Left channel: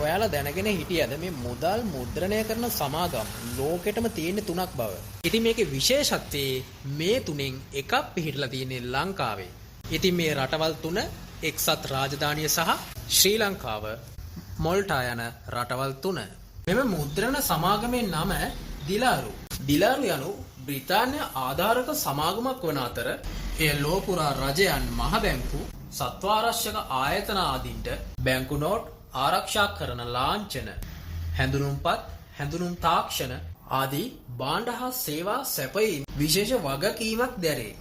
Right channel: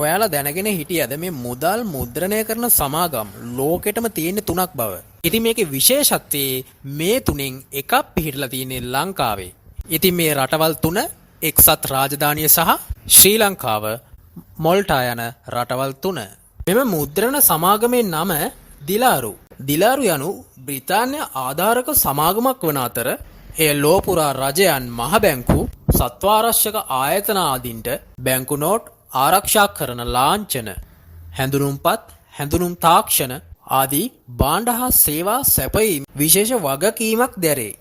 ඔයාලා දැනගෙන හිටියද මේ මුදල් මුද්‍රණය කරන සමාගම් ලෝකෙටම තියෙන 3ක් බව. ඉතින් මේකේ විශේෂත්වය මේ තුනෙන් එකක් පිහිටලා තියෙන්නේ ලංකාවේ. ඉතින් මේ රටවල් තුන එක්සත් රාජධානිය සහ ශ්‍රී ලංකාව මොල්ටා යන රටවල් තුන. මෙම මුද්‍රණ සමාගමේ නම දිලාරු. දිලාරු යනු බ්‍රිතාන්‍ය ආධාරක සමාගමක් වන අතර එය ලෝපුරා රජයන් මහ බැංකු සත්වාරක්ෂක ආයතන ආදීන්ට බැංකු නෝට් ආරක්ෂා කරන ලාංඡන හැඳුනුම්පත් හැඳුනුම් තාක්ෂණ ආදී භාණ්ඩ හා සේවා සැපයීම විශේෂ වගකීමක් දැරේ.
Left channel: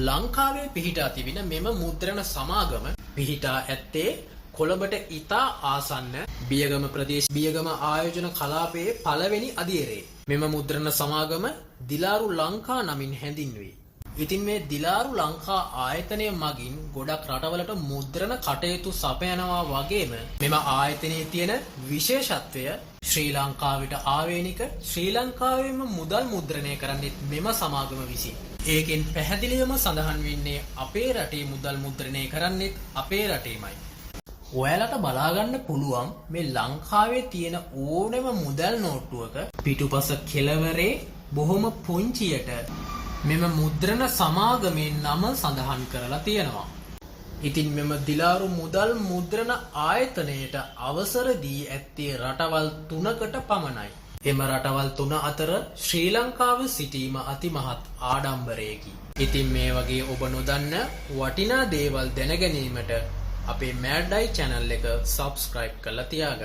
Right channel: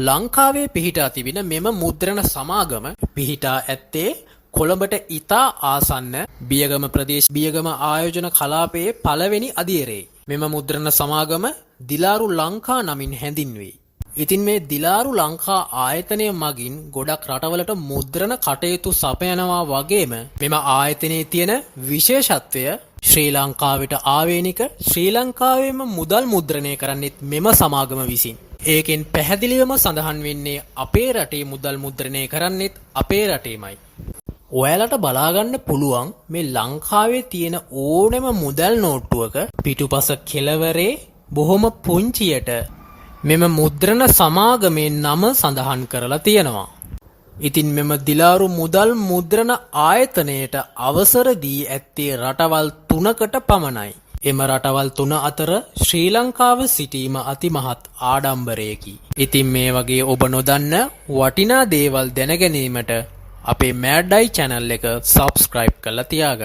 ලංකාවේ පිහිටා තිබෙන මෙම මුද්‍රණ සමාගම පිහිටා ඇත්තේ කොළඹට ඉතා ආසන්න බියගම ප්‍රදේශ බියගම ආයෝජන කලාපයේ පළවෙනි අදියරේ. මෙම මුද්‍රණ සමාගම දිලාරු ලංකා නමින් හැඳින්වේ. ඉතින් මේ දිලාරු ලංකා ආයතනය මගින් ගොඩක් රටවලට මුද්‍රණ කටයුතු සපයනවා වගේම මෙම ආයතනයේ තියෙන විශේෂත්වය ශ්‍රී ලංකාවට ආවේනික ශ්‍රී ලංකාවේම මුදල් මුද්‍රණය කරන්නෙත් මෙම සමාගම විසින්. ඒකෙන් පැහැදිලිවම සඳහන් වෙන්නේ අපේ රටේ මුදල් මුද්‍රණය කරන්නෙත් අපේ රටේමයි. ඔයාලට බලාගන්න පුළුවන් මේ ලංකාවේ තියෙන ඕනෙම මුදල් නෝට්ටුවක පිටුපස කෙළවරේ බොහොම පුංචියට මෙම මුද්‍රණ සමාගමේ නම සඳහන් කරලා තියෙනවා. ඉතින් මෙම දිලාරු මුදල් මුද්‍රණ ආයතනයට අවසර දී ඇත්තේ රටවල් 3කට පමණයි. එම රටවල් 3 අතර ශ්‍රී ලංකාව සිටීම අතිමහත් ආඩම්බරයකි. ඉතින් මේ වගේ ඔබ නොදන්න වටිනා දේවල් දැන ගැනීමට අපේ මෑඩ්ඩයි channel එක subscribe කරලා තියාගන්න.